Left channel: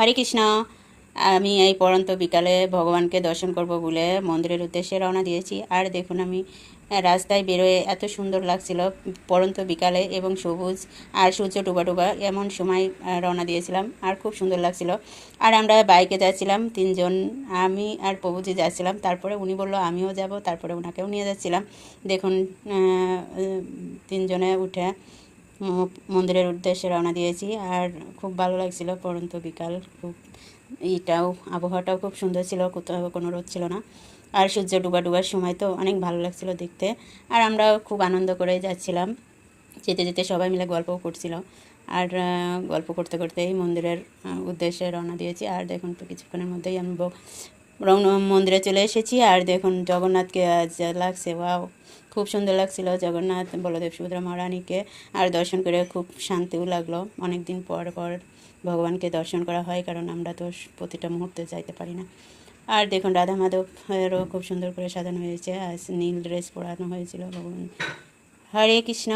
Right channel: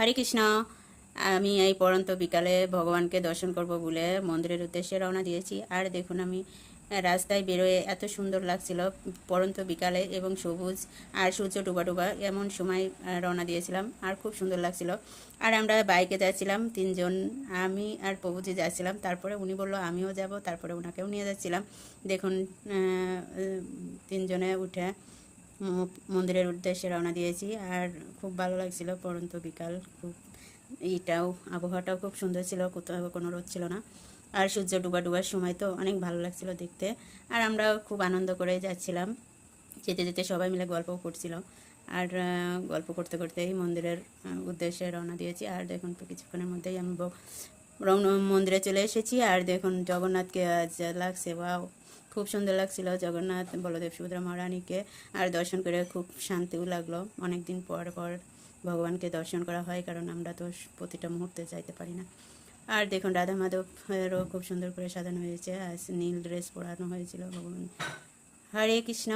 হরে কৃষ্ণ। আমি এই পড়ন্ত বিকালে ভগবানকে দর্শন করব বলে মন্দিরের উদ্দেশ্যে রওনা দিয়েছি। আর দেখুন আমি রাস্তায় বেরোয় এত সুন্দর লাগছিল পড়ন্ত বিকালে এবং সবুজ আর সূর্য ডুবা ডুবা এমন সময় রওনা দিয়েছিলাম আর খুব সুন্দর লাগছিল। আর আমরা বাইকে যাচ্ছিলাম তিনজন, আমি আর প্রভুজি যাচ্ছিলাম। তারপরে উনি বলল আমিও যাব, তারপরে ওনাকেও নিয়ে যাচ্ছিলাম। দেখুন তিনজনে উঠে মন্দিরের উদ্দেশ্যে রওনা দিয়েছি। আর খুব ভালো লাগছিল পড়ন্ত বিকাল, খুব এটাও আবহাওয়াটাও খুব সুন্দর ছিল, কোথাও কোনো রোদ ছিল না। আর সূর্য ডুবা ডুবার সময় তো অনেক ভালো লাগছিল দেখতে। আর আমরা খুব আনন্দ করে যাচ্ছিলাম, যেতে যেতে সবাই মিলে গল্পও করছিল। আর গল্প করতে করতেই মন্দিরের উদ্দেশ্যে রওনা দিয়েছি। আর দেখুন তো কিছুক্ষণের মধ্যেই আমি মন্দিরে চলে এসেছি। আর দেখুন জগন্নাথকে আজ লাগছে, ওয়াও, খুব সুন্দর লাগছিল জগন্নাথ বলদেব সুভদ্রা মহারানীকে। আর দর্শন করে খুব শান্তিও লাগলো। অনেক দিন পর পর ভগবানকে দর্শন করা হয়, কারণ আমরা তো প্রতিটা মুহূর্তে যাইতে পারি না। আর দেখুন রাধা মাধবেরও খুব সুন্দর করে সাজানো হয়েছে, আর নীল ড্রেস পরানো হয়েছিল ভগবান। হরে কৃষ্ণ।